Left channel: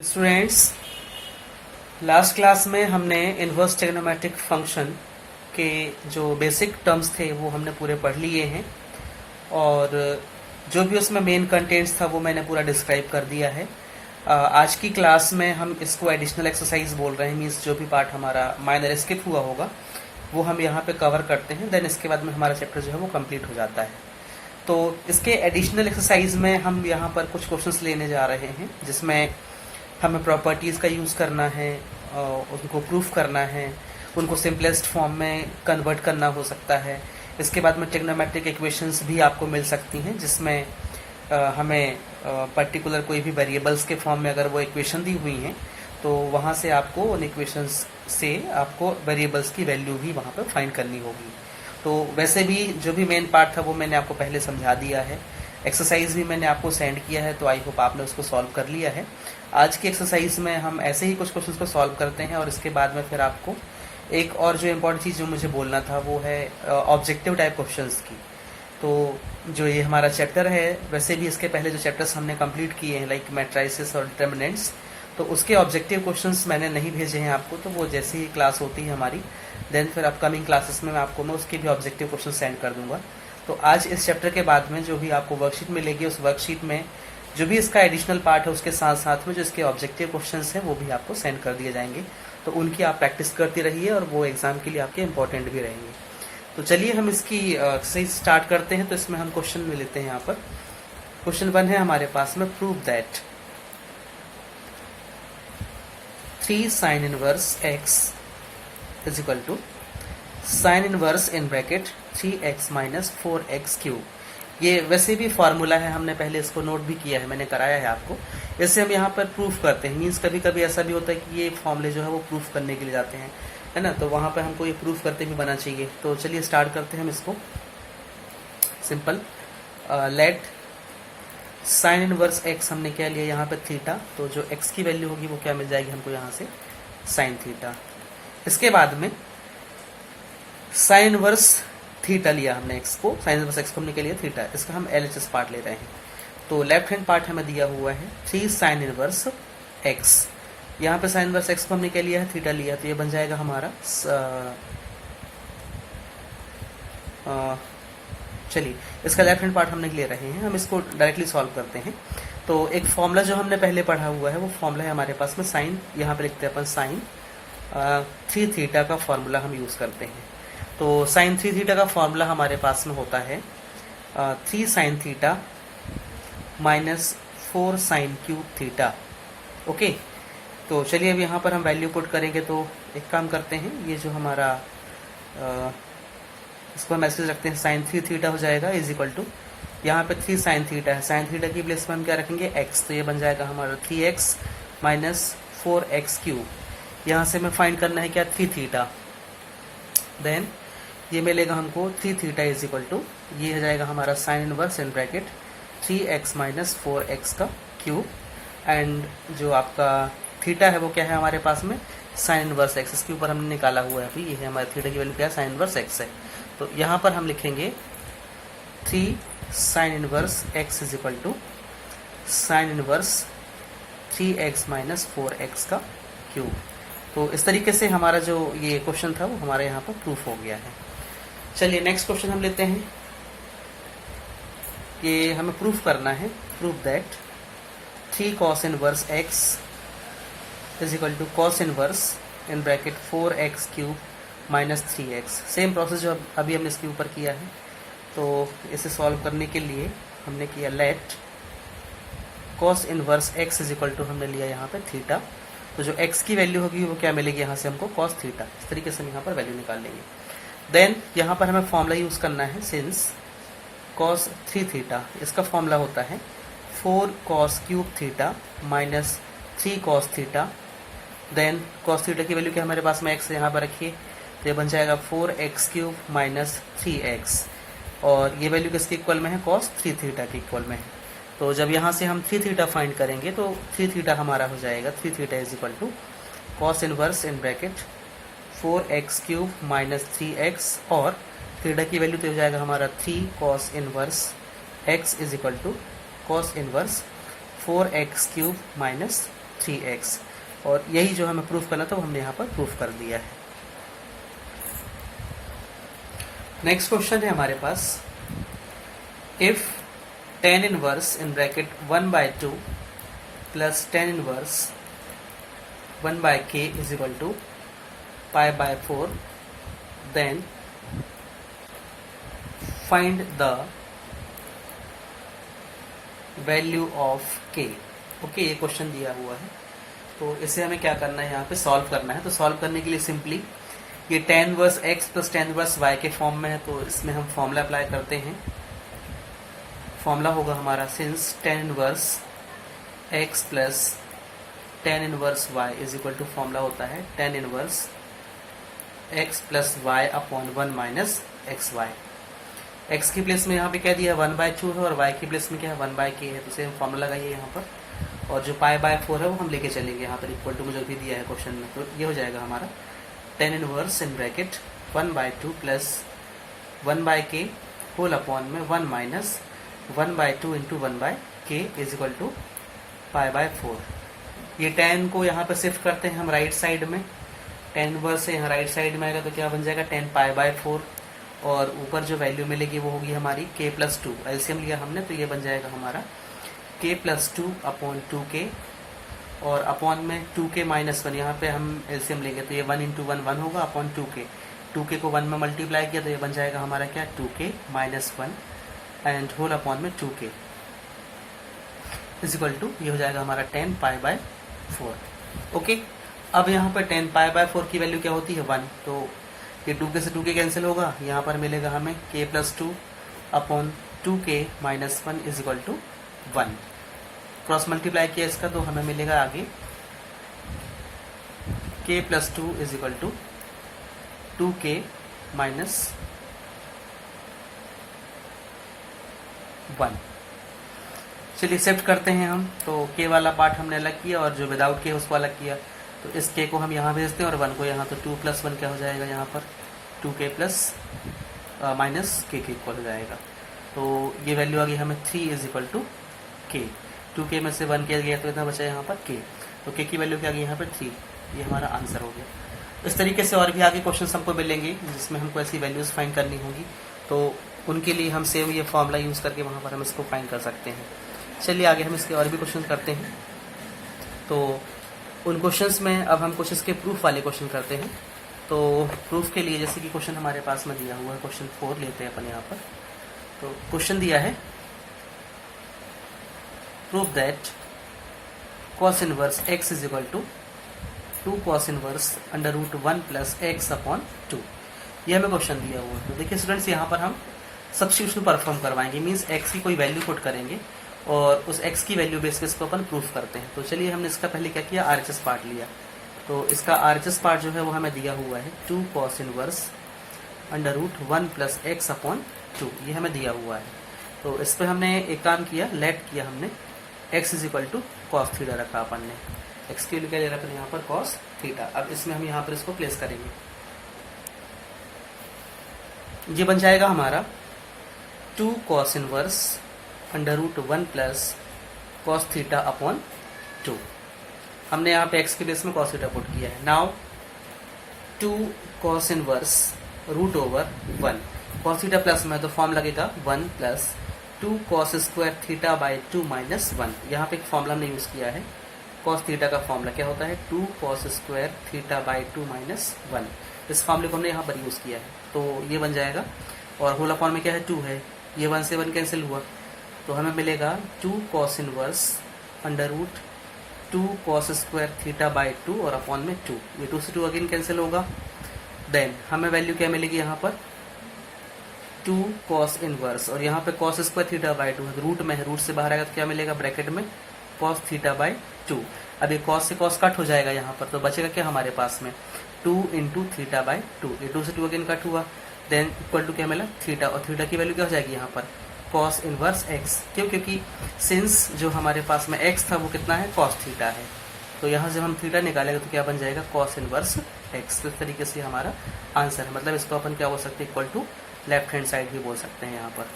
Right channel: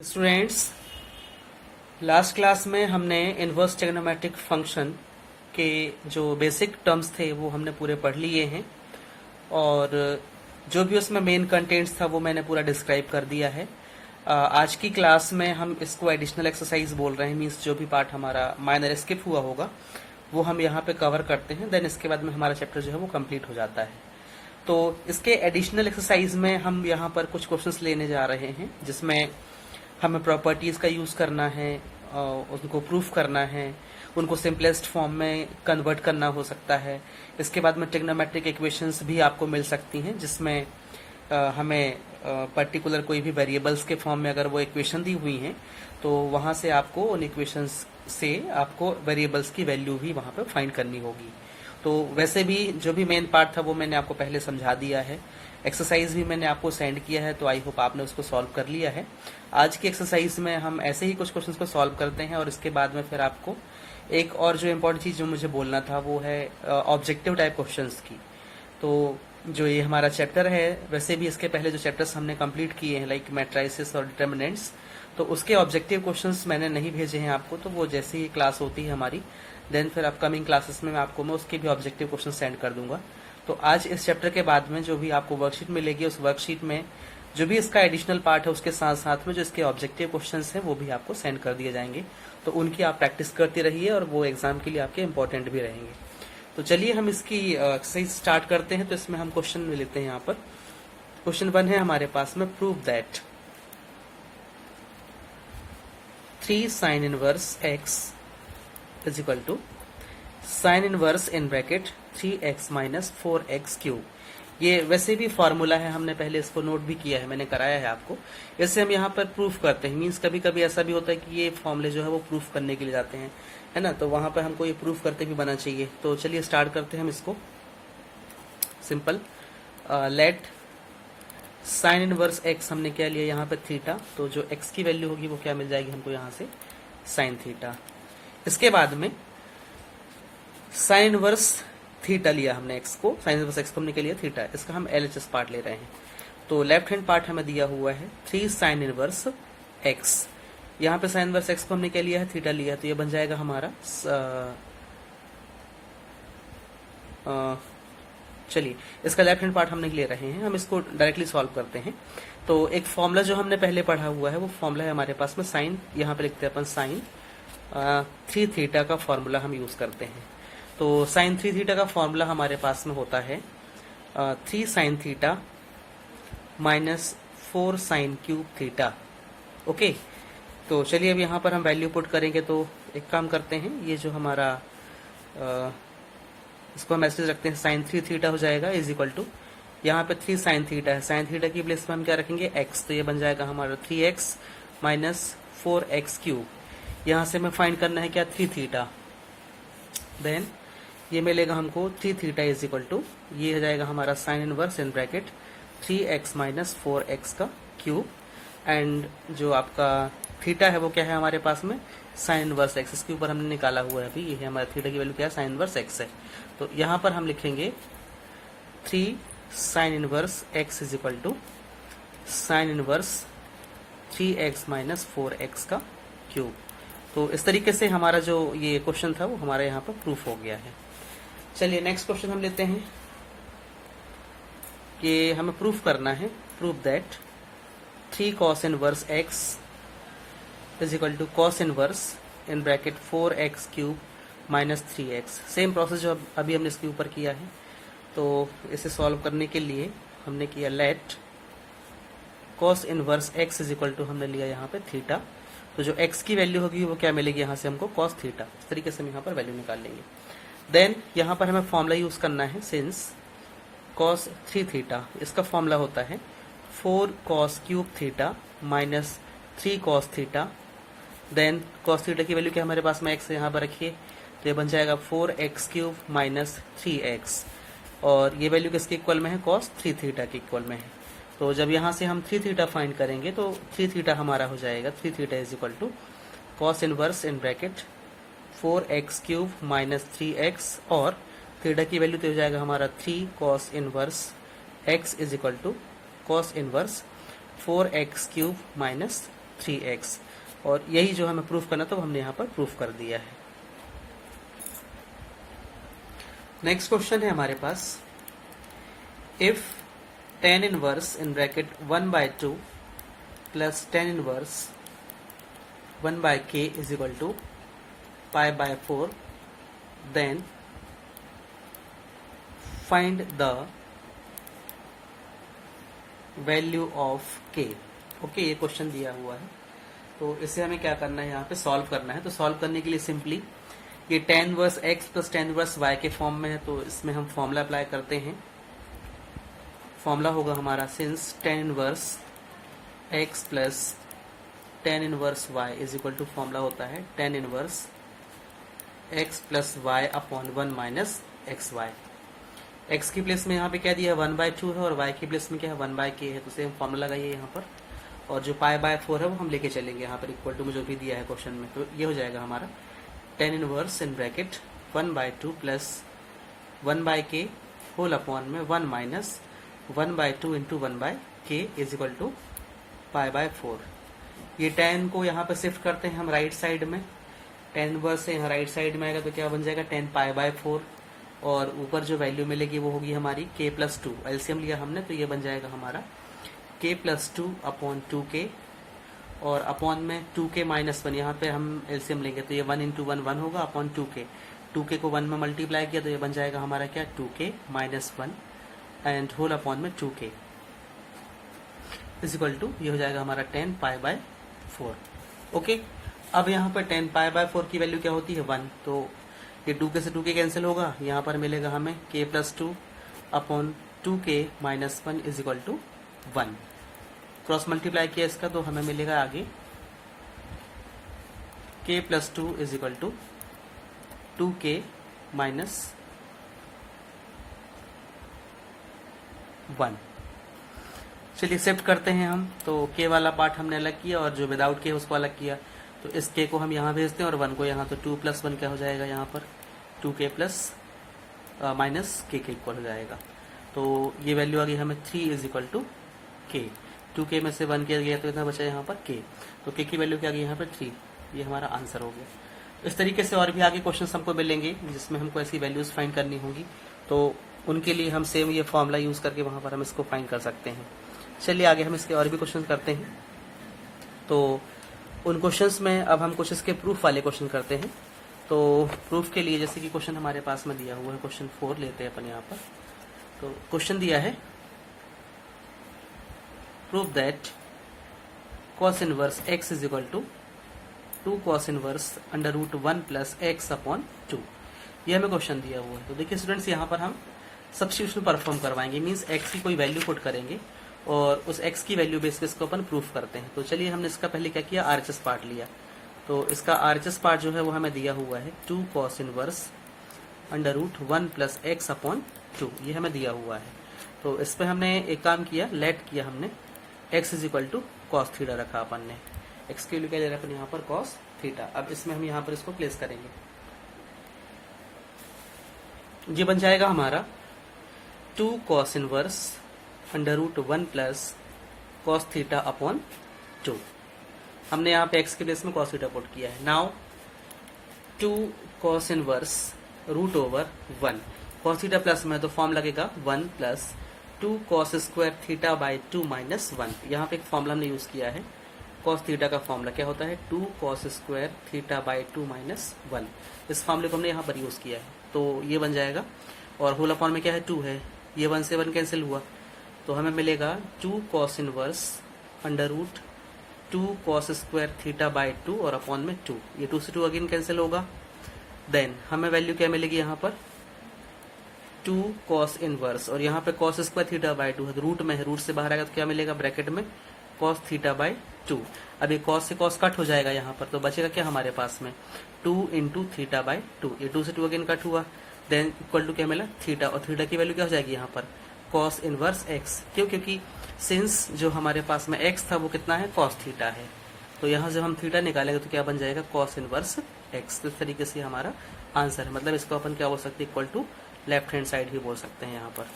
Students, last class में हमने inverse trigonometric function के जो बेसिक टर्म्स थे वो हमने पूरे पढ़ लिए हैं और जो भी उसमें मेन कंटेंट्स था वो मैंने पूरा डिस्क्राइब कर दिया है। आज की क्लास में हम इसको एडिशनल एक्सरसाइज बोल रहे हैं, मीन्स जो भी पार्ट हमारा माइनर स्किप हुआ होगा वो हम यहाँ पे कवर करते हैं। देन इसके बाद में हमारा चैप्टर जो है वो कंप्लीट हो जाता है। तो इसके एडिशनल एक्सरसाइज में हम यहाँ पर कुछ क्वेश्चंस लेने जा रहे हैं जिसमें हमें प्रॉपर्टीज़ का यूज़ करना है, उनको प्रूफ करना है, उनको सिंपलेस्ट फॉर्म में कन्वर्ट करना हो सकता है। इसके बाद में ट्रिग्नोमेट्रिक इक्वेशंस भी आपको मिल सकती हैं जिसमें हमें पर्टिकुलर कोई भी वेरिएबल्स के फॉर्म में अगर वो इक्वेशन दी हुई हैं तो वहाँ से आपको उन इक्वेशंस से आपको वेरिएबल्स की वैल्यू भी वहाँ पर फाइंड करनी होगी। तो वैसे भी जो भी मेन पार्ट था वो मैंने आपको पहले समझा दिया है, एक्सरसाइज भी मैंने आपको सेंड किया है, तो आई होप आपने उसको सॉल्व कर लिया है। आज की एक्सरसाइज में हम ऐसे ही कुछ क्वेश्चंस को सॉल्व करते हैं और इसके बाद में फिर आपको एक और जो इम्पोर्टेंट चीज़ जो मुझे बोलना था वो है ऑब्जेक्टिव टाइप क्वेश्चंस की। तो जो ये हमारा चैप्टर है, वैसे भी इसके पहले जो चैप्टर्स हमने कंप्लीट किए हैं लाइक मैट्राइसिस और डिटर्मिनेंट्स, तो उसके ऑब्जेक्टिव क्वेश्चंस मैंने नहीं भेजे हैं आपको। तो वो जैसे ही क्लास होती है हमारी, देन फिर अपकमिंग क्लासेस में मैं उसके भी ऑब्जेक्टिव क्वेश्चन सेंड कर दूंगा। तो आज इस चैप्टर के बाद में जो भी आपको वर्कशीट मिलेगी, उस वर्कशीट में जो भी इसका एडिशनल पार्ट है उसके साथ साथ में जो इसके ऑब्जेक्टिव क्वेश्चंस हैं वो भी आपको सेंड कर दिए जाएंगे। तो उनकी आप प्रैक्टिस करती रहिए और वो एग्जाम के लिए आपके इंपॉर्टेंट भी रहेंगे। तो चलिए हम इसकी एक्सरसाइज स्टार्ट करते हैं। तो इसमें हम क्वेश्चन में लेते हैं। यहाँ पर क्वेश्चन 1 है हमारे पास में, prove that 3 sin inverse x is equal to sin inverse in bracket 3x minus 4x cube. ये वैसे भी फार्मूला है, हमने पहले इसको नोट भी किया है, मैंने कराया है आपको। इससे हम यहाँ पर प्रूफ करते हैं, मीन्स कभी कभी ऐसा भी होता है कि ये फॉर्मूले जो है वो प्रूफ करने के लिए जाते हैं, है ना। तो वहाँ पर हमको ये प्रूफ करते भी बना चाहिए। तो चलिए स्टार्ट करते हैं हम इसको। Simple, late sine inverse x हमने क्या लिया यहाँ पे थीटा, तो जो एक्स की वैल्यू होगी वो क्या मिल जाएगी हमको यहाँ से, साइन थीटा। इसके बाद में साइन इनवर्स थीटा लिया हमने एक्स को, साइन इनवर्स एक्स को हमने क्या लिया थीटा, इसका हम एलएचएस पार्ट ले रहे हैं। तो लेफ्ट हैंड पार्ट हमें दिया हुआ है 3 साइन इनवर्स एक्स। यहाँ पे साइन इनवर्स एक्स को हमने क्या लिया है, थीटा लिया, तो ये बन जाएगा हमारा चलिए इसका लेफ्ट हैंड पार्ट हमने ले रहे हैं, हम इसको डायरेक्टली सॉल्व करते हैं। तो एक फॉर्मूला जो हमने पहले पढ़ा हुआ है वो फॉर्मूला है हमारे पास में साइन, यहाँ पे लिखते हैं अपन साइन 3 थीटा का फॉर्मूला हम यूज करते हैं। तो साइन 3 थीटा का फॉर्मूला हमारे पास में होता है 3 sine theta minus 4 sine cube theta. Okay, तो चलिए अब यहाँ पर हम वैल्यू पुट करेंगे। तो एक काम करते हैं, ये जो हमारा इसको हम मैसेज रखते हैं, साइन 3 थीटा हो जाएगा इज इक्वल टू, यहाँ पे 3 साइन थीटा है, साइन थीटा की प्लेस में हम क्या रखेंगे x, तो ये बन जाएगा हमारा 3x माइनस 4x क्यूब। यहाँ से हमें फाइंड करना है क्या, 3 थीटा। देन ये मिलेगा हमको 3 थीटा इज इक्वल टू, ये हो जाएगा हमारा sine inverse in bracket 3x minus 4x का क्यूब। एंड जो आपका थीटा है वो क्या है हमारे पास में, साइन इनवर्स x, इसके ऊपर हमने निकाला हुआ है अभी, ये है हमारा थीटा की वैल्यू क्या है, साइन इनवर्स x है। तो यहाँ पर हम लिखेंगे 3 sine inverse x is equal to sine inverse 3x minus 4x का क्यूब। तो इस तरीके से हमारा जो ये क्वेश्चन था वो हमारे यहाँ पर प्रूफ हो गया है। चलिए नेक्स्ट क्वेश्चन हम लेते हैं। ये हमें प्रूफ करना है, proof that 3 cos inverse x is equal to cos inverse in bracket 4x cube minus 3x। Same process जो अभी हमने इसके ऊपर किया है। तो इसे सॉल्व करने के लिए हमने किया let cos inverse x is equal to, हमने लिया यहाँ पे थीटा, तो जो x की वैल्यू होगी वो क्या मिलेगी यहाँ से हमको, cos थीटा। इस तरीके से हम यहाँ पर वैल्यू निकाल लेंगे। देन यहाँ पर हमें फॉर्मूला यूज करना है, सिंस cos 3 थीटा, इसका फॉर्मूला होता है 4 cos cube theta minus 3 cos theta. Then cos theta की वैल्यू क्या हमारे पास में x यहाँ पर रखिए, तो ये बन जाएगा 4x क्यूब माइनस 3x, और ये वैल्यू किसके इक्वल में है, cos 3 थीटा के इक्वल में है। तो जब यहाँ से हम 3 थीटा फाइंड करेंगे तो 3 थीटा हमारा हो जाएगा, 3 theta is equal to cos inverse in bracket 4x cube minus 3x, और थीटा की वैल्यू तो हो जाएगा हमारा 3 cos inverse x is equal to cos inverse 4x cube minus 3x, और यही जो हमें प्रूफ करना था वो हमने यहाँ पर प्रूफ कर दिया है। नेक्स्ट क्वेश्चन है हमारे पास, if tan inverse in bracket 1/2 plus tan inverse 1/k is equal to π/4, then find the value of k। Okay, ये क्वेश्चन दिया हुआ है, तो इसे हमें क्या करना है, यहाँ पे सॉल्व करना है। तो सॉल्व करने के लिए सिंपली ये tan inverse x plus tan inverse y के फॉर्म में है, तो इसमें हम फॉर्मूला अप्लाई करते हैं। फॉर्मूला होगा हमारा, since tan inverse x plus tan inverse y is equal to, formula होता है tan inverse x plus y upon 1 minus x y. x की प्लेस में यहाँ पे क्या दिया है 1/2 है, और y की प्लेस में क्या है 1/k है, तो सेम फॉर्मूला लगाइए यहाँ पर, और जो π/4 है वो हम लेके चलेंगे यहाँ पर इक्वल टू में जो भी दिया है क्वेश्चन में। तो ये हो जाएगा हमारा tan inverse in bracket 1/2 plus 1/k whole upon में 1 minus 1/2 into 1/k is equal to π/4। ये tan को यहाँ पर शिफ्ट करते हैं हम राइट साइड में, tan इनवर्स से यहाँ राइट साइड में आएगा तो क्या बन जाएगा tan π/4, और ऊपर जो वैल्यू मिलेगी वो होगी हमारी k प्लस 2, एलसीएम लिया हमने तो ये बन जाएगा हमारा k प्लस 2 अपॉन 2k, और अपॉन में 2k माइनस 1, यहाँ पे हम एलसीएम लेंगे तो ये 1 इंटू 1 1 होगा अपॉन 2k को 1 में मल्टीप्लाई किया तो ये बन जाएगा हमारा क्या 2k minus 1 and whole upon में 2k इज इक्वल टू, ये हो जाएगा हमारा tan π/4। ओके, अब यहाँ पर tan π/4 की वैल्यू क्या होती है 1, तो ये 2k से 2k कैंसिल होगा, यहाँ पर मिलेगा हमें k plus 2 upon 2k minus 1 is equal to 1। Cross multiply किया इसका तो हमें मिलेगा आगे k plus 2 is equal to 2k minus 1। चलिए शिफ्ट करते हैं हम, तो k वाला पार्ट हमने अलग किया और जो विदाउट k उसको अलग किया, तो इस k को हम यहाँ भेजते हैं और 1 को यहाँ, तो 2 प्लस 1 क्या हो जाएगा यहाँ पर 2k प्लस माइनस k के इक्वल हो जाएगा। तो ये वैल्यू आ गई हमें 3 is equal to k, 2k में से 1 किया गया तो इतना बचा यहाँ पर k, तो k की वैल्यू क्या आ गई यहाँ पर 3, ये हमारा आंसर हो गया। इस तरीके से और भी आगे क्वेश्चन हमको मिलेंगे जिसमें हमको ऐसी वैल्यूज फाइंड करनी होंगी, तो उनके लिए हम सेम ये फॉर्मूला यूज करके वहाँ पर हम इसको फाइंड कर सकते हैं। चलिए आगे हम इसके और भी क्वेश्चन करते हैं। तो उन क्वेश्चंस में अब हम कुछ इसके प्रूफ वाले क्वेश्चन करते हैं। तो प्रूफ के लिए जैसे कि क्वेश्चन हमारे पास में दिया हुआ है, क्वेश्चन 4 लेते हैं अपन यहाँ पर। तो क्वेश्चन दिया है, proof that cos inverse x is equal to 2 cos inverse under root 1 plus x upon 2। ये हमें क्वेश्चन दिया हुआ है। देखिए स्टूडेंट्स, यहाँ पर हम सब्स्टिट्यूशन परफॉर्म करवाएंगे, मीन्स x की कोई वैल्यू पुट करेंगे और उस x की वैल्यू बेस पे इसको अपन प्रूफ करते हैं। तो चलिए हमने इसका पहले क्या किया, आरएचएस पार्ट लिया। तो इसका आरएचएस पार्ट जो है वो हमें दिया हुआ है 2 cos inverse under root 1 plus x upon 2, ये हमें दिया हुआ है। तो इस पर हमने एक काम किया, लेट किया हमने, x is equal to cos theta रखा अपन ने, x के लिए क्या ले रखा यहाँ पर कॉस थीटा। अब इसमें हम यहाँ पर इसको प्लेस करेंगे, ये बन जाएगा हमारा 2 cos inverse under root 1 plus cos theta upon 2। हमने यहाँ पे x के बेस में कॉस थीटा पुट किया है। Now 2 cos inverse root over 1, cos theta plus में तो फॉर्म लगेगा 1 plus 2 cos square theta by 2 minus 1। यहाँ पे एक फॉर्मूला हमने यूज किया है, कॉस थीटा का फॉर्मूला क्या होता है 2 cos square theta by 2 minus 1। इस फॉर्मूले को हमने यहाँ पर यूज किया है, तो ये बन जाएगा। और होल अपॉन में क्या है 2 है, ये 1 से 1 कैंसिल हुआ, तो हमें मिलेगा 2 cos inverse under root 2 cos square theta by 2 और अपॉन में 2, ये 2 से 2 अगेन कैंसिल होगा। देन हमें वैल्यू क्या मिलेगी यहाँ पर 2 cos इनवर्स, और यहाँ पे cos स्क्वायर थीटा बाई 2 है, तो रूट में है, रूट से बाहर आएगा तो क्या मिलेगा ब्रैकेट में cos थीटा बाई 2। अब ये cos से cos कट हो जाएगा यहाँ पर, तो बचेगा क्या हमारे पास में 2 इंटू थीटा बाई 2, ये 2 से 2 अगेन कट हुआ। देन इक्वल टू क्या मिला थीटा, और थीटा की वैल्यू क्या हो जाएगी यहाँ पर cos इनवर्स x, क्यों, क्योंकि सिंस जो हमारे पास में x था वो कितना है cos थीटा है, तो यहाँ से हम थीटा निकालेंगे तो क्या बन जाएगा cos इनवर्स x। तो इस तरीके से हमारा आंसर है, मतलब इसको अपन क्या बोल सकते हैं, equal to left hand side भी बोल सकते हैं यहाँ पर।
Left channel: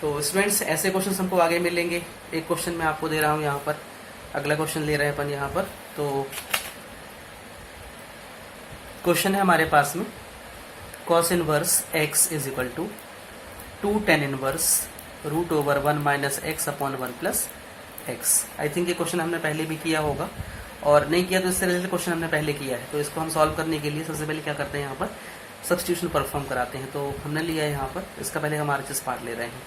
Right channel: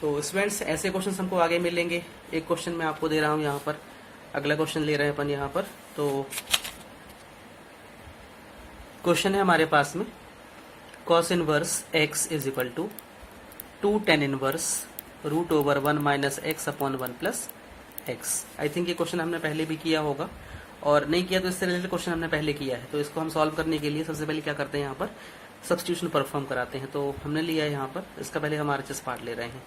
तो स्टूडेंट्स ऐसे क्वेश्चन हमको आगे मिलेंगे। एक क्वेश्चन मैं आपको दे रहा हूँ यहाँ पर, अगला क्वेश्चन ले रहे हैं अपन यहाँ पर। तो क्वेश्चन है हमारे पास में cos inverse x is equal to 2 tan inverse root over 1 minus x upon 1 plus x. I think ये क्वेश्चन हमने पहले भी किया होगा, और नहीं किया तो इससे रिलेटेड क्वेश्चन हमने पहले किया है। तो इसको हम सॉल्व करने के लिए सबसे पहले क्या करते हैं, यहाँ पर सब्स्टिट्यूशन परफॉर्म कराते हैं। तो हमने लिया है यहाँ पर, इसका पहले हम आरएचएस पार्ट ले रहे हैं।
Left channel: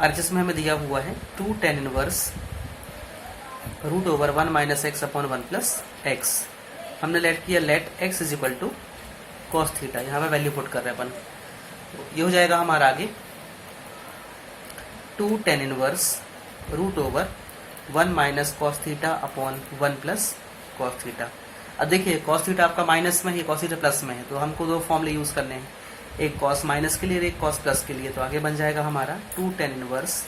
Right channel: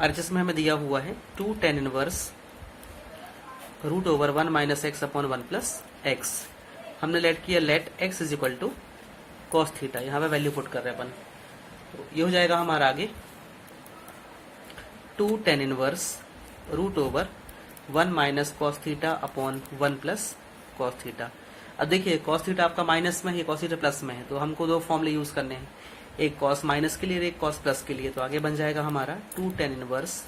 आरएचएस में हमें दिया हुआ है 2 tan inverse root over 1 minus x upon 1 plus x. हमने लेट किया let x is equal to cos theta, यहाँ पे वैल्यू पुट कर रहे हैं अपन। ये हो जाएगा हमारा आगे 2 tan inverse root over 1 minus cos theta upon 1 plus cos theta. अब देखिए कॉस थीटा आपका माइनस में है, कॉस थीटा प्लस में है, तो हमको दो फॉर्मूले यूज करने हैं, एक कॉस माइनस के लिए और एक कॉस प्लस के लिए। तो आगे बन जाएगा हमारा 2 tan inverse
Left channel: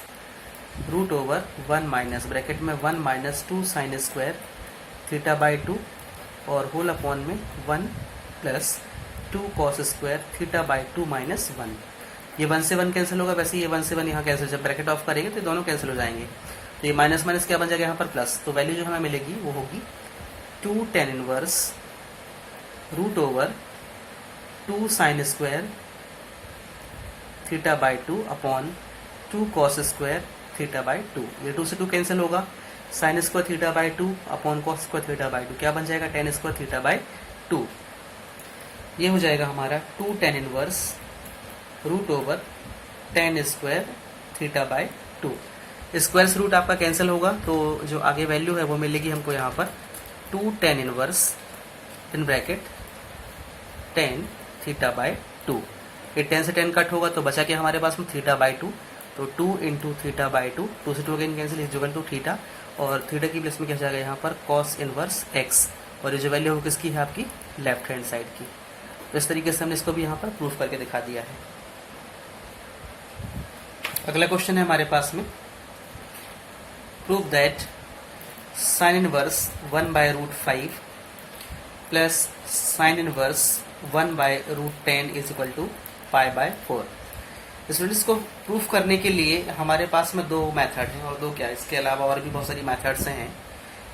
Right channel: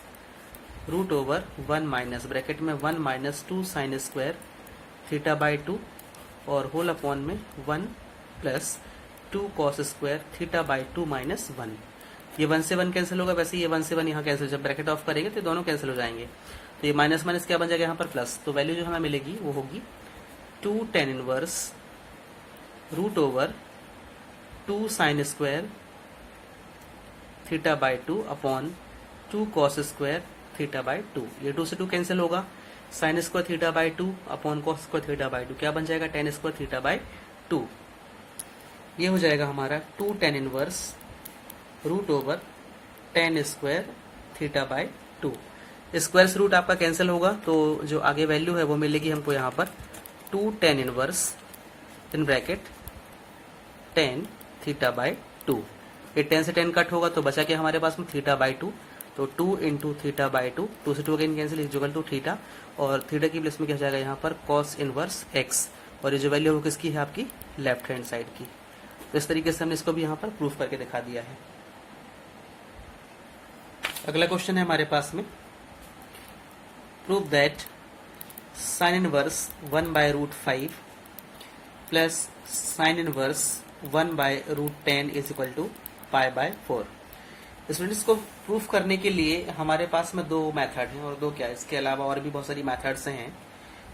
root over 1 minus bracket में 1 minus 2 sine square theta by 2 और होल अपॉन में 1 plus 2 cos square theta by 2 minus 1। ये 1 से 1 कैंसिल होगा, वैसे ये 1 से 1 यहाँ कैंसिल, जब ब्रैकेट ऑफ करेंगे तो दोनों कैंसिल हो जाएंगे। तो ये माइनस माइनस क्या बन जाएगा यहाँ पर प्लस। तो वैल्यू जो हमें मिलेगी वो होगी 2 tan inverse root over 2 sine square theta by 2 upon 2 cos square theta by 2। ये 2 से 2 कैंसिल होगा, sine square theta by 2 upon cos square theta by 2 क्या बन जाएगा, tan स्क्वायर थीटा बाई 2। ये हो जाएगा हमारा 2 tan inverse root over tan square theta by 2। Square से रूट आपका कैंसिल होगा, तो जो आगे वैल्यू है वो मिलेगी हमको यहाँ पर 2 tan inverse in bracket tan theta by 2। ये 10 से 10 कट होगा तो बचा क्या हमारे पास में थीटा बाई 2। तो 2 इंटू थीटा बाई 2, 2 से 2 again cancel is equal to theta, और थीटा की प्लेस में क्या हो जाएगा यहाँ पर कॉस इनवर्स x, और ये जो वैल्यू हो किसकी है आपकी लेफ्ट हैंड साइड की। तो इस तरीके से हमने इसको भी यहाँ पर प्रूफ करके दिखा दिया है। अगला क्वेश्चन है हमारे पास में prove that sine inverse 1 by root 5 plus sine inverse 1 by root 10 is equal to pi by 4। Students को प्रूफ करने के लिए हमारे पास में दो मेथड हैं, और दो क्या इसके अलावा और भी बहुत सारी मेथड्स हैं।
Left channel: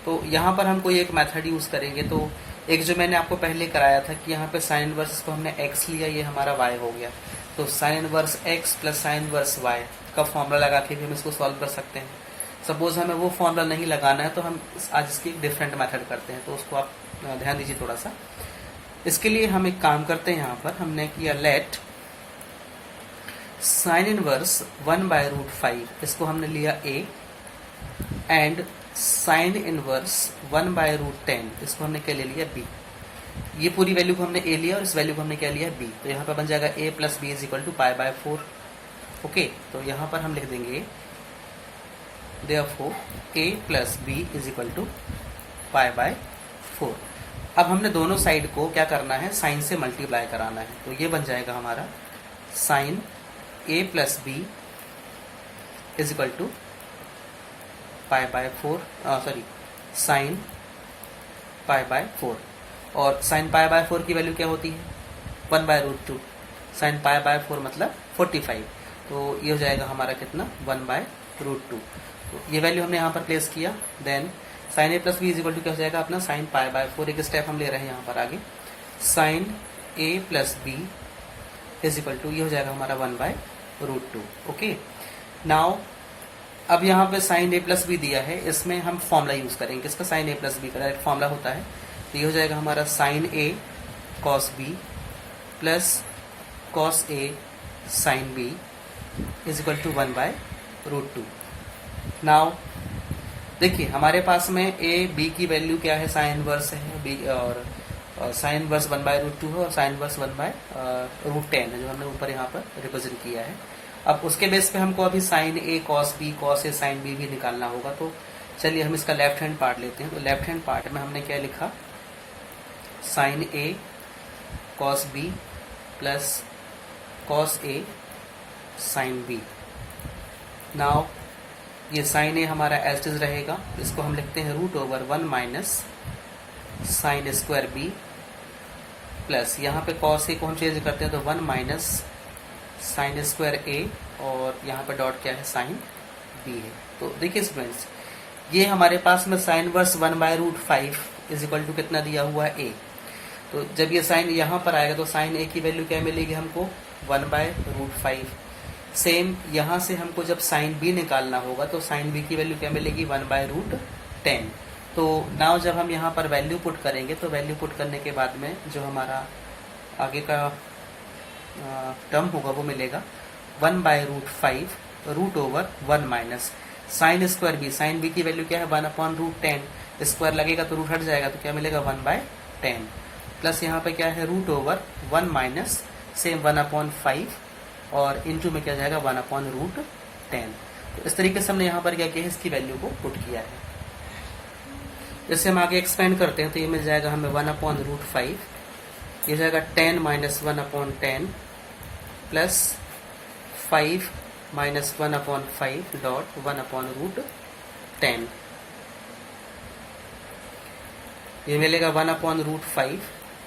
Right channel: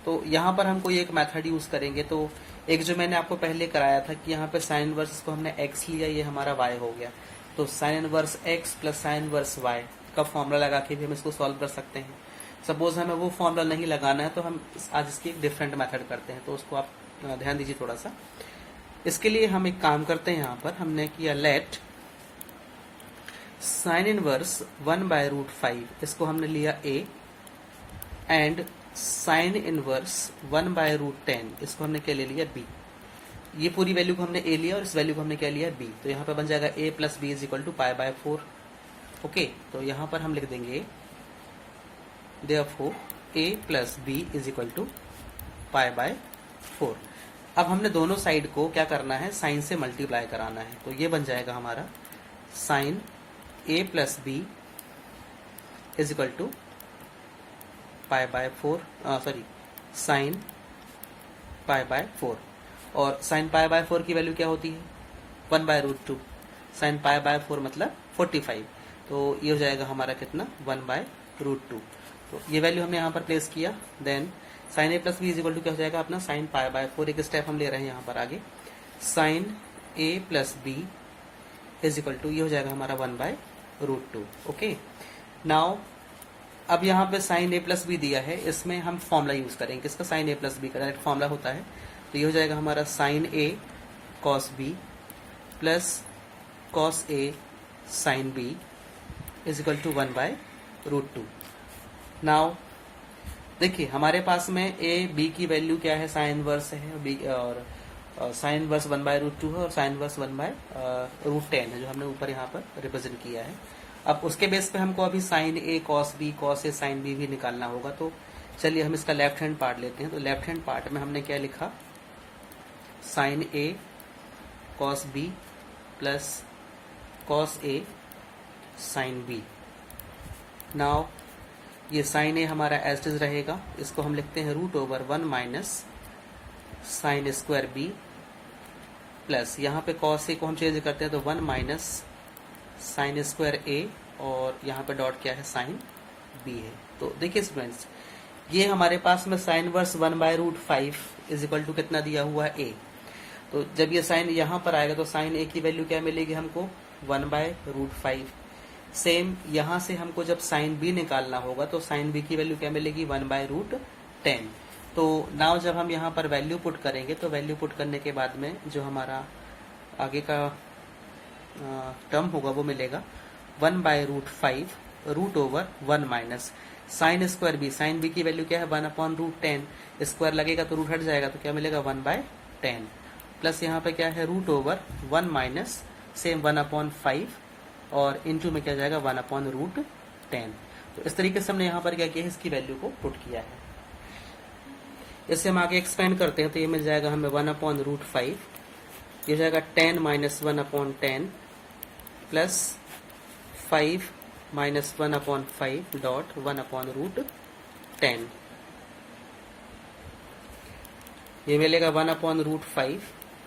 तो यहाँ पर हम कोई एक मेथड यूज करेंगे। तो एक जो मैंने आपको पहले कराया था कि यहाँ पे साइन इनवर्स को हमने x लिया, ये हमारा y हो गया। तो sign inverse x plus sine inverse y का फॉर्मूला लगा के भी हम इसको सॉल्व कर सकते हैं। सपोज हमें वो फॉर्मूला नहीं लगाना है तो हम आज इसकी एक डिफरेंट मेथड करते हैं, तो उसको आप ध्यान दीजिए थोड़ा सा। इसके लिए हम एक काम करते हैं, यहाँ पर हमने किया let sine inverse 1 by root 5, इसको हमने लिया a, and sine inverse 1 by root 10, इसको हमने क्या ले लिया b। ये पूरी वैल्यू को हमने a लिया और इस वैल्यू को हमने क्या लिया b। तो यहाँ पर बन जाएगा a plus b is equal to pi by 4। Okay, तो यहाँ पर हम लिख देंगे therefore a plus b is equal to pi by 4। अब हमने दोनों साइड को क्या करना है, साइन से मल्टीप्लाई कराना है। तो ये बन जाएगा हमारा sine a plus b is equal to pi by 4, sorry sine pi by 4, और साइन पाई बाय 4 की वैल्यू क्या होती है 1 by root 2, sine pi by 4 मतलब 45। तो ये हो जाएगा हमारा कितना 1 बाय रूट 2। तो ये वैल्यू हमने यहाँ पर प्लेस किया। Then sine A plus B is equal to क्या हो जाएगा अपना साइन पाई बाय 4। एक स्टेप हम ले रहे हैं यहाँ पर आगे, sine A plus B is equal to ये हो जाएगा हमारा 1 बाय रूट 2। ओके, नाउ अब यहाँ पे साइन ए प्लस बी दिया है, इसमें हम फॉर्मूला यूज करेंगे। किसका, साइन ए प्लस बी का डायरेक्ट फॉर्मूला होता है। तो ये हो जाएगा हमारा sine A cos B plus cos A sine B is equal to 1 by root 2। Now देखिए हमारे पास में ए बी की वैल्यू क्या है, साइन इनवर्स है बी, और साइन इनवर्स 1 बाय रूट 2 है, और साइन इनवर्स 1 बाय रूट 10 है, जो हमने ऊपर यहाँ पर रिप्रेजेंट किया है। अब उसके बेस पे हमको अभी sign A cos B cos A sine B भी निकालना होगा। तो चलिए हम इसका लेफ्ट हैंड पार्ट लेते हैं। तो लेफ्ट हैंड पार्ट में हमने क्या लिखा, sine A cos B plus cos A sine B. Now ये साइन ए हमारा एज इट इज रहेगा, इसको हम लिखते हैं root over 1 minus sine square B plus यहाँ पे कॉस ए को हम चेंज करते हैं तो 1 माइनस साइन स्क्वायर ए, और यहाँ पे डॉट क्या है साइन बी है। तो देखिए स्टूडेंट्स, ये हमारे पास में sine inverse 1/√5 is equal to कितना दिया हुआ है ए। तो जब ये साइन यहाँ पर आएगा तो साइन ए की वैल्यू क्या मिलेगी हमको 1/√5। सेम यहाँ से हमको जब साइन बी निकालना होगा तो साइन बी की वैल्यू क्या मिलेगी 1/√10। तो नाउ जब हम यहाँ पर वैल्यू पुट करेंगे तो वैल्यू पुट करने के बाद में जो हमारा आगे का टर्म होगा वो मिलेगा 1/√5 √1 minus sine square B. Sine B की वैल्यू क्या है 1/√10, स्क्वायर लगेगा तो रूट हट जाएगा तो क्या मिलेगा 1/10 प्लस यहाँ पे क्या है √1 माइनस सेम 1/5 और इनटू में क्या जाएगा 1/√10। तो इस तरीके से हमने यहाँ पर क्या किया है, इसकी वैल्यू को पुट किया है। जैसे हम आगे एक्सपेंड करते हैं तो ये मिल जाएगा हमें 1/√5, ये हो जाएगा 10 माइनस 1/10 प्लस 5 माइनस 1/5 डॉट 1/√10। ये मिलेगा 1/√5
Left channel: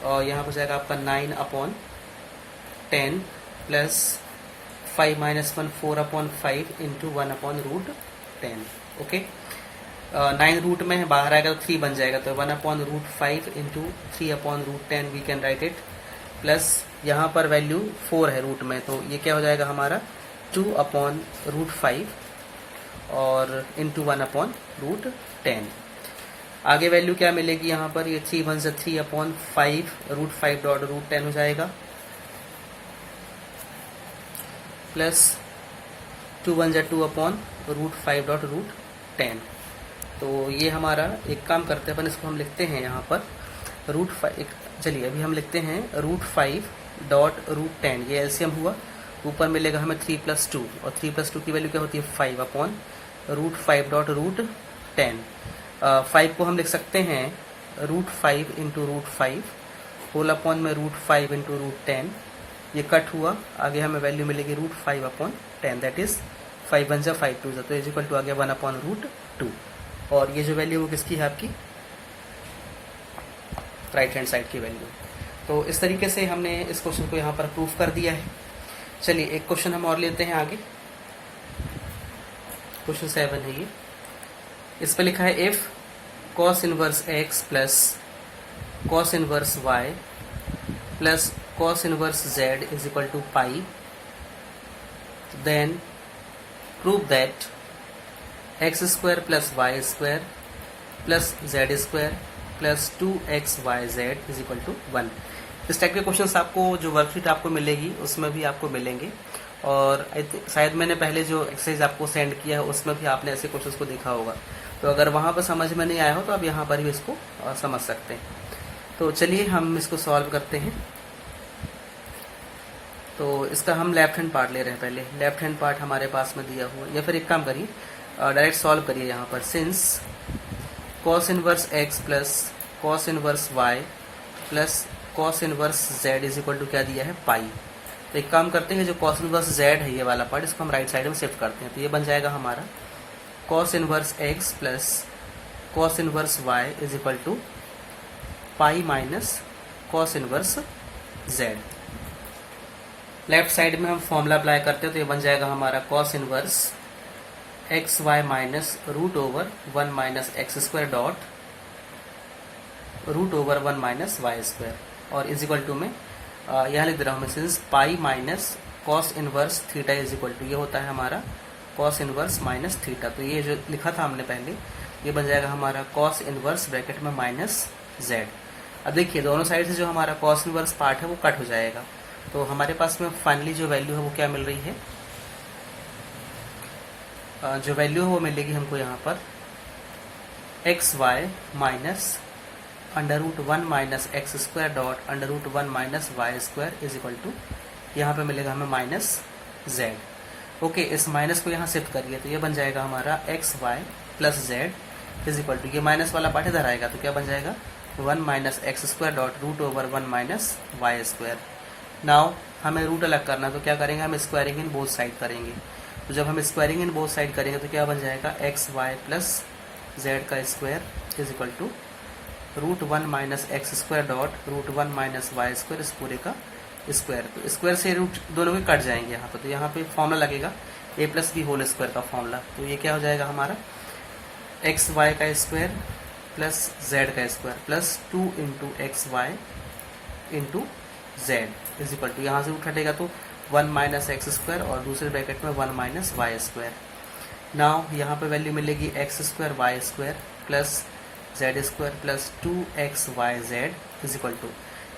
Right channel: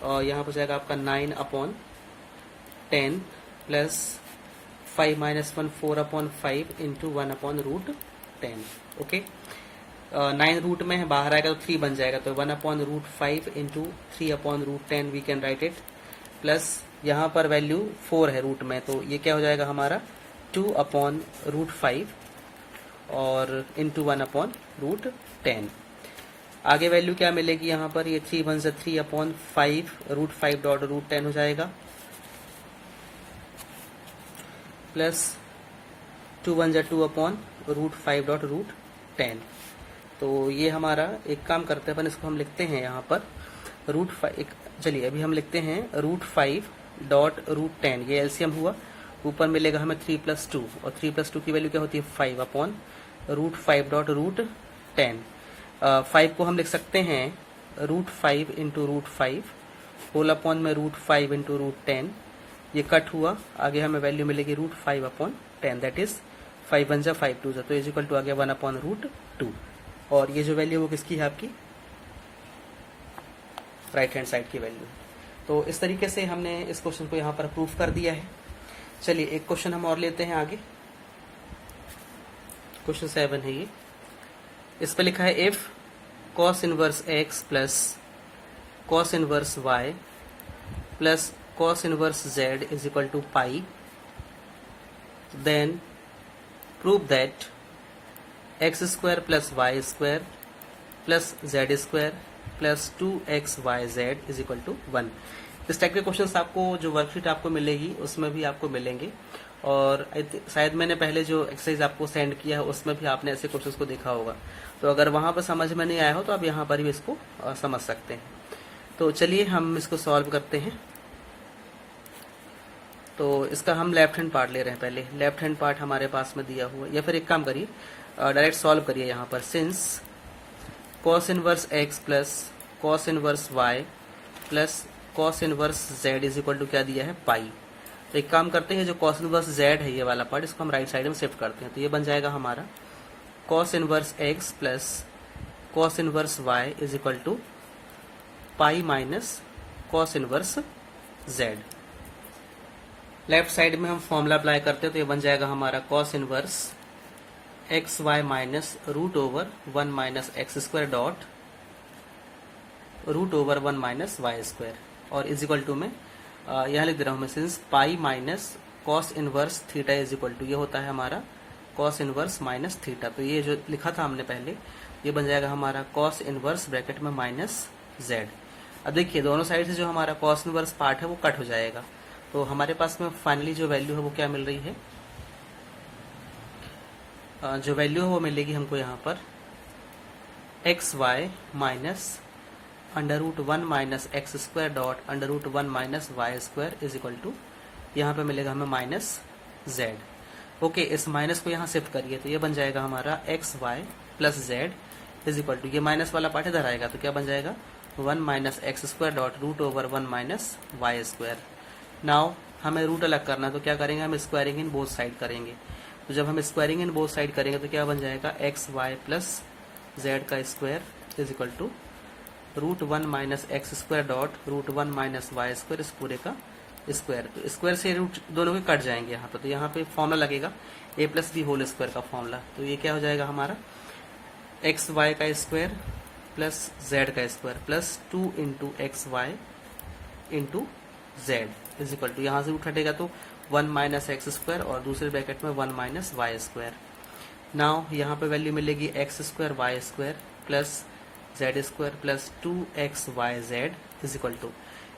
और यहाँ पर जाएगा आपका 9/10 plus 5 minus 1 4/5 into 1/√10। Okay, 9 root में बाहर आएगा तो 3 बन जाएगा तो 1/√5 into 3/√10 we can write it. Plus यहाँ पर वैल्यू 4 है रूट में तो ये क्या हो जाएगा हमारा 2/√5 और इंटू 1/√10। आगे वैल्यू क्या मिलेगी यहाँ पर, ये 3 1 3/5 √5 डॉट √10 हो जाएगा प्लस 2 1 2/√5 डॉट √10। तो ये हमारा एक काम करते हैं अपन, इसको हम लिखते हैं यहाँ पर √5। चलिए अभी हम लिखते हैं √5 डॉट √10, ये एलसीएम हुआ, ऊपर मिलेगा हमें 3 + 2 और 3 + 2 की वैल्यू क्या होती है 5/√5 डॉट √10। 5 को हम लिख सकते हैं √5 इंटू √5 होल अपॉन में √5 इंटू √10, ये कट हुआ, आगे हमें वैल्यू मिलेगी √5/10 दैट इज 5 1 5 2 तो इज इक्वल टू आगे 1/√2। और ये जो वैल्यू वो किसकी है आपकी राइट हैंड साइड की वैल्यू। तो इस तरीके से हमने इस क्वेश्चन को यहाँ पर प्रूफ कर दिया है। चलिए एक क्वेश्चन हम और लेते हैं आगे, क्वेश्चन 7 है ये। इस पे लिखा है if cos inverse x plus cos inverse y plus cos inverse z is equal to pi, then prove that x square plus y square plus z square plus 2xyz is equal to 1। इस type के questions आपको जो worksheet आपको मिलेगी उसमें भी आपको मिलेंगे और शायद मैंने पहले जो एक्सरसाइज आपको सेंड किया है उसमें भी आपने ऐसे क्वेश्चंस को देखा होगा। तो अगर वहां पर समझ में नहीं आया हो तो आप यहाँ पर भी इसको समझ सकते हैं। तो चलिए हम इसको सॉल्व करते हैं। तो इसका हम लेफ्ट हैंड पार्ट ले रहे हैं, पहले लेफ्ट हैंड पार्ट हमारे पास में दिया हुआ, या फिर एक काम करिए डायरेक्ट सॉल्व करिए यहाँ पर। Since cos inverse x plus cos inverse y plus cos inverse z is equal to क्या दिया है पाई। तो एक काम करते हैं, जो cos इनवर्स z है ये वाला पार्ट, इसको हम राइट साइड में शिफ्ट करते हैं। तो ये बन जाएगा हमारा cos inverse x plus cos inverse y is equal to pi minus cos inverse z। Left side में हम फॉर्मूला अप्लाई करते हैं तो ये बन जाएगा हमारा cos inverse x y minus √1 minus x square dot √1 minus y square और इज इक्वल टू में यहाँ लिख दे रहा हूँ मैं, since pi minus cos inverse theta is equal to ये होता है हमारा कॉस इनवर्स माइनस थीटा। तो ये जो लिखा था हमने पहले ये बन जाएगा हमारा कॉस इनवर्स ब्रैकेट में माइनस जेड। अब देखिए दोनों साइड से जो हमारा कॉस इनवर्स पार्ट है वो कट हो जाएगा। तो हमारे पास में फाइनली जो वैल्यू है वो क्या मिल रही है, जो वैल्यू है वो मिलेगी हमको यहाँ पर x y minus √1 minus x square dot √1 minus y square is equal to यहाँ पे मिलेगा हमें माइनस जेड। ओके, इस माइनस को यहाँ शिफ्ट करिए तो ये बन जाएगा हमारा x y plus z is equal to ये माइनस वाला पार्ट इधर आएगा तो क्या बन जाएगा 1 minus x square dot √1 minus y square. Now हमें रूट अलग करना तो क्या करेंगे, हम स्क्वायरिंग इन बोथ साइड करेंगे। तो जब हम स्क्वायरिंग इन बोथ साइड करेंगे तो क्या बन जाएगा एक्स वाई प्लस जेड का square is equal to √1 minus x square dot √1 minus y square इस पूरे का स्क्वायर। तो स्क्वायर से रूट दोनों में कट जाएंगे यहाँ पर। तो यहाँ पे फॉर्मूला लगेगा A plus B whole square का फॉर्मूला। तो ये क्या हो जाएगा हमारा एक्स वाई का स्क्वायर प्लस जेड का square plus 2 into x y into z is equal to, यहाँ से रूट हटेगा तो 1 माइनस एक्स स्क्वायर और दूसरे ब्रैकेट में 1 माइनस वाई स्क्वायर। नाउ यहाँ पे वैल्यू मिलेगी x square y square plus z square plus 2x y z is equal to,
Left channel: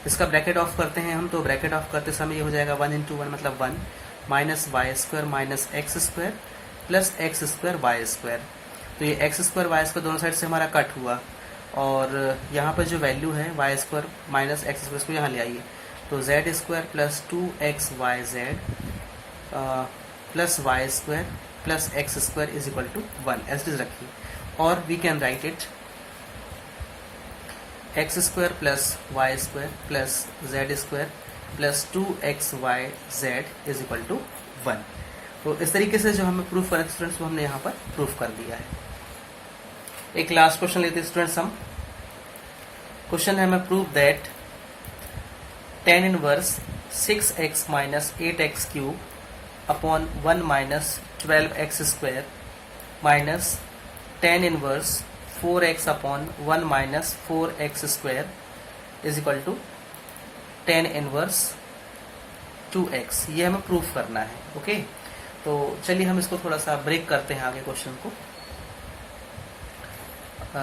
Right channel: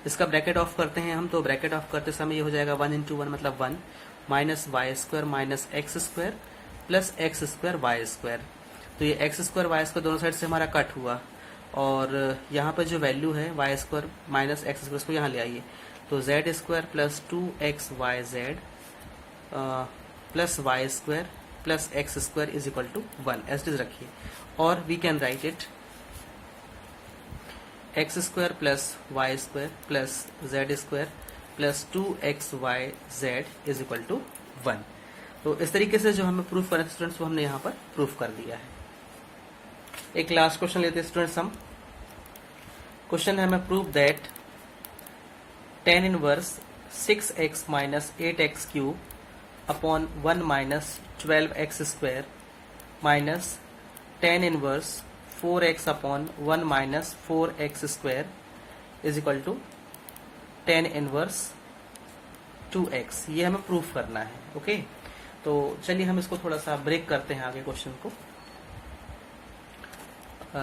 इसका ब्रैकेट ऑफ करते हैं हम, तो ब्रैकेट ऑफ करते समय ये हो जाएगा 1 इंटू 1 मतलब 1 minus y square minus x square plus x square y square. तो ये एक्स स्क्वायर वाई स्क्वायर दोनों साइड से हमारा कट हुआ और यहाँ पर जो वैल्यू है y square minus x square को यहाँ ले आइए, तो z square plus 2x y z plus y square plus x square is equal to 1 as it is रखिए। और we can write it x square plus y square plus z square plus 2x y z is equal to 1। तो इस तरीके से जो हमें proof करना है स्टूडेंट्स वो हमने यहाँ पर प्रूफ कर दिया है। एक लास्ट क्वेश्चन लेते हैं स्टूडेंट्स हम। क्वेश्चन है हमें prove that tan inverse 6x minus 8x cube upon 1 minus 12x square minus tan inverse 4x upon 1 minus 4x square is equal to tan inverse 2x, ये हमें प्रूफ करना है। Okay तो चलिए हम इसको थोड़ा सा ब्रेक करते हैं आगे क्वेश्चन को।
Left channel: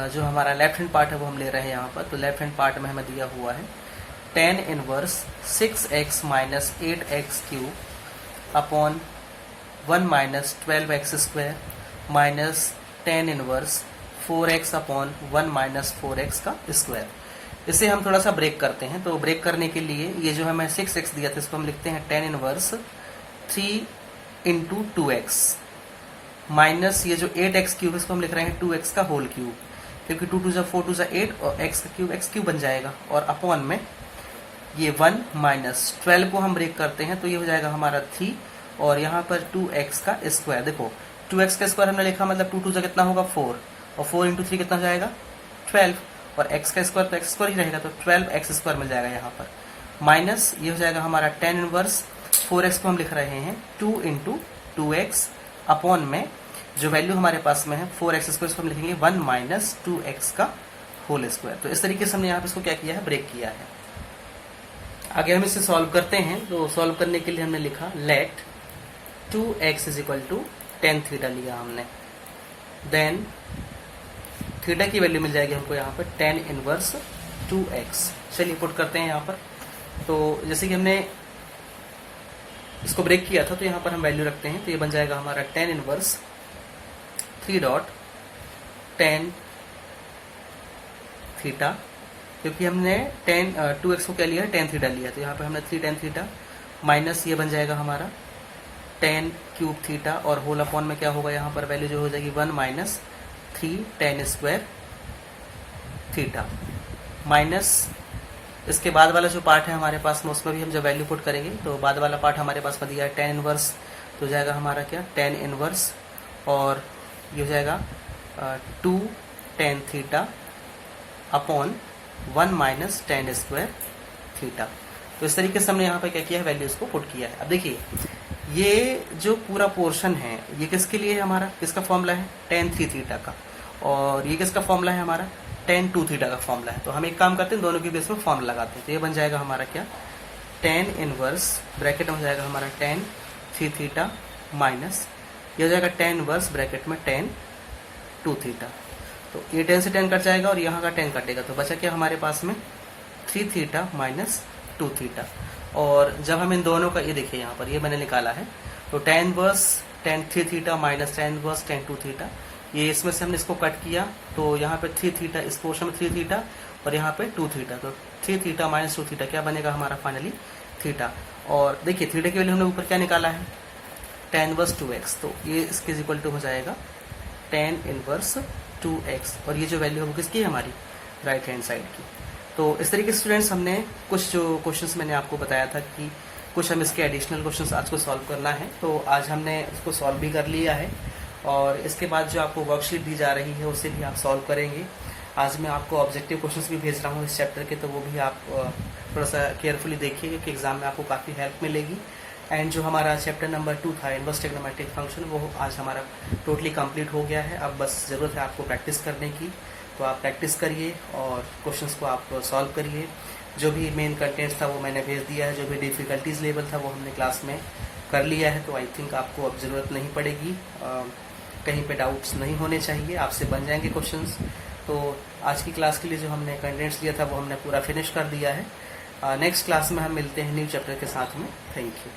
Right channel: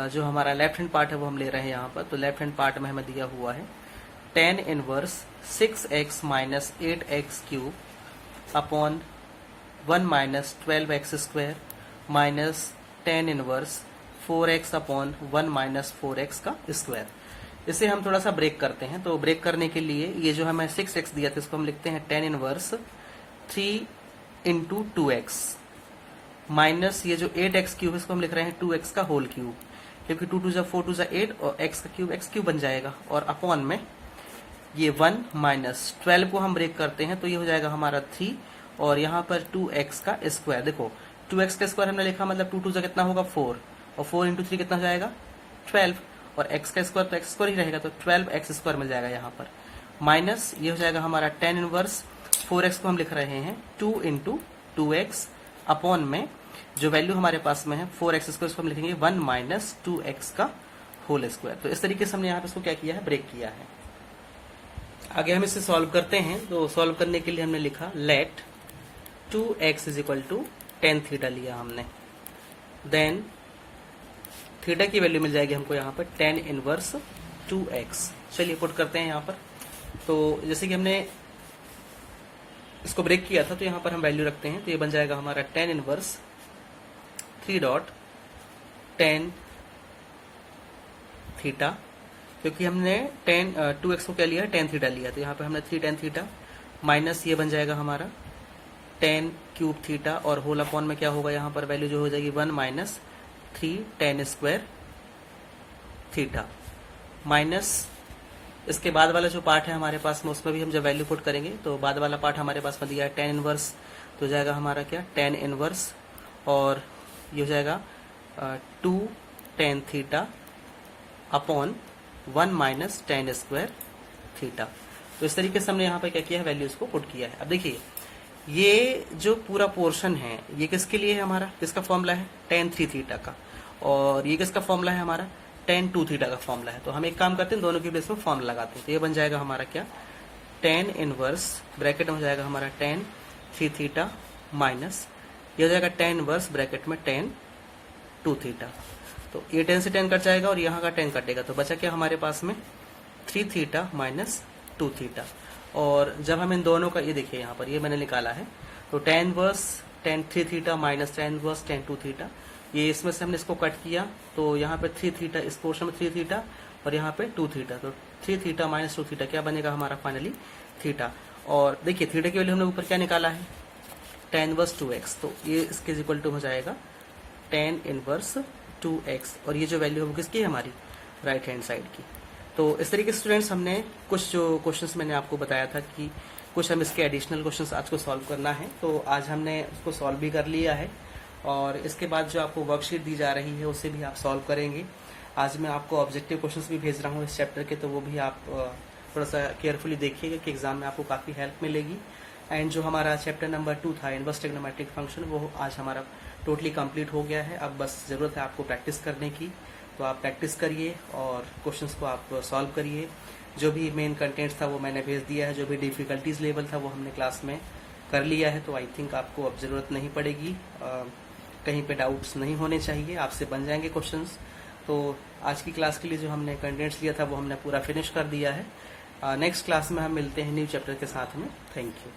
जो हमारा लेफ्ट हैंड पार्ट है वो हम ले रहे हैं यहाँ पर। तो लेफ्ट हैंड पार्ट में हमें दिया हुआ है tan inverse 6x minus 8x cube upon 1 minus 12x square minus tan inverse 4x upon 1 minus 4x का स्क्वायर। इसे हम थोड़ा सा ब्रेक करते हैं। तो ब्रेक करने के लिए ये जो हमें 6x दिया था इसको हम लिखते हैं tan inverse 3 into 2x minus ये जो 8x क्यूब इसको हम लिख रहे हैं 2x का होल क्यूब, क्योंकि 2 2 4 2 8 और x क्यूब बन जाएगा और अपॉन में ये 1 माइनस 12 को हम ब्रेक करते हैं तो ये हो जाएगा हमारा 3 और यहाँ पर 2x का स्क्वायर। देखो 2x का स्क्वायर हमने लिखा मतलब 2 2 कितना होगा 4 और 4 इंटू 3 कितना जाएगा 12 और x का स्क्वायर तो x स्क्वायर ही रहेगा तो 12x स्क्वायर मिल जाएगा यहाँ पर माइनस ये हो जाएगा हमारा tan इनवर्स 4x को हम लिख रहे हैं 2 इंटू 2x अपॉन में जो वैल्यू हमारे पास में है 4x स्क्वायर को हम लिखेंगे 1 माइनस 2x का होल स्क्वायर। तो इस तरीके से हमने यहाँ पे इसको क्या किया है ब्रेक किया है। आगे हम इसे सॉल्व करते हैं। तो सॉल्व करने के लिए हमने लिखा let 2x is equal to tan theta लिया हमने, देन थीटा की वैल्यू मिल जाएगी हमको यहाँ पर tan इनवर्स 2x। चलिए पुट करते हैं यहाँ पर। तो जैसे कि हमने इसको ब्रेक किया था तो यहाँ पर हम वैल्यू रखते हैं तो ये बन जाएगा हमारा tan inverse 3 dot tan theta, क्योंकि हमने tan 2x को क्या लिया tan थीटा लिया तो यहाँ पे हमने 3 tan थीटा माइनस ये बन जाएगा हमारा tan क्यूब थीटा और होल अपॉन में क्या होगा यहाँ पर वैल्यू जो हो जाएगी 1 minus 3 tan square theta minus इसके बाद वाला जो पार्ट है हमारे पास में उसमें भी हम जब वैल्यू पुट करेंगे तो बाद वाला पार्ट हमारे पास में दिया है tan इनवर्स तो हो जाएगा हमारा क्या tan इनवर्स और ये हो जाएगा 2 tan theta upon 1 minus tan square theta. तो इस तरीके से हमने यहाँ पे क्या किया है वैल्यूज को पुट किया है। अब देखिए ये जो पूरा पोर्शन है ये किसके लिए है हमारा, किसका फॉर्मूला है tan 3 थीटा का और ये किसका फॉर्मूला है हमारा tan 2 थीटा का फॉर्मूला है। तो हम एक काम करते हैं दोनों के बीच में फॉर्मूला लगाते हैं। तो ये बन जाएगा हमारा क्या tan इनवर्स ब्रैकेट में जाएगा हमारा tan 3 थीटा माइनस ये हो जाएगा tan इनवर्स ब्रैकेट में tan 2 थीटा। तो ये tan से tan कट जाएगा और यहाँ का tan कटेगा तो बचा क्या हमारे पास में 3 थीटा माइनस 2 थीटा। और जब हम इन दोनों का ये देखिए यहाँ पर ये मैंने निकाला है तो tan inverse tan 3 theta minus tan inverse tan 2 theta ये इसमें से हमने इसको कट किया तो यहाँ पे 3 थीटा इस पोर्शन में 3 थीटा और यहाँ पे 2 थीटा तो 3 थीटा माइनस 2 थीटा क्या बनेगा हमारा फाइनली थीटा। और देखिए थीटा की वैल्यू हमने ऊपर क्या निकाला है tan इनवर्स 2x तो ये इसके इक्वल टू हो जाएगा tan इनवर्स 2x और ये जो वैल्यू है वो किसकी है हमारी राइट हैंड साइड की। तो इस तरीके से स्टूडेंट्स हमने कुछ जो क्वेश्चंस मैंने आपको बताया था कि कुछ हम इसके एडिशनल क्वेश्चंस आज को सॉल्व करना है तो आज हमने उसको सॉल्व भी कर लिया है और इसके बाद जो आपको वर्कशीट दी जा रही है उसे भी आप सॉल्व करेंगे। आज मैं आपको ऑब्जेक्टिव क्वेश्चंस भी भेज रहा हूँ इस चैप्टर के तो वो भी आप थोड़ा सा केयरफुली देखिएगा कि एग्जाम में आपको काफ़ी हेल्प मिलेगी। एंड जो हमारा चैप्टर नंबर 2 था इनवर्स ट्रिग्नोमेट्रिक फंक्शन, वो आज हमारा टोटली कंप्लीट हो गया है। अब बस ज़रूरत है आपको प्रैक्टिस करने की, तो आप प्रैक्टिस करिए और क्वेश्चंस को आप सॉल्व करिए। जो भी मेन कंटेंट्स था वो मैंने भेज दिया है, जो भी डिफ़िकल्टीज लेवल था वो हमने क्लास में कर लिया है, तो आई थिंक आपको अब ज़रूरत नहीं पड़ेगी, कहीं पे डाउट्स नहीं होने चाहिए, आपसे बन जाएंगे क्वेश्चंस। तो आज की क्लास के लिए जो हमने कंटेंट्स लिया था वो हमने पूरा फिनिश कर दिया है। नेक्स्ट क्लास में हम मिलते हैं न्यू चैप्टर के साथ में। Thank you.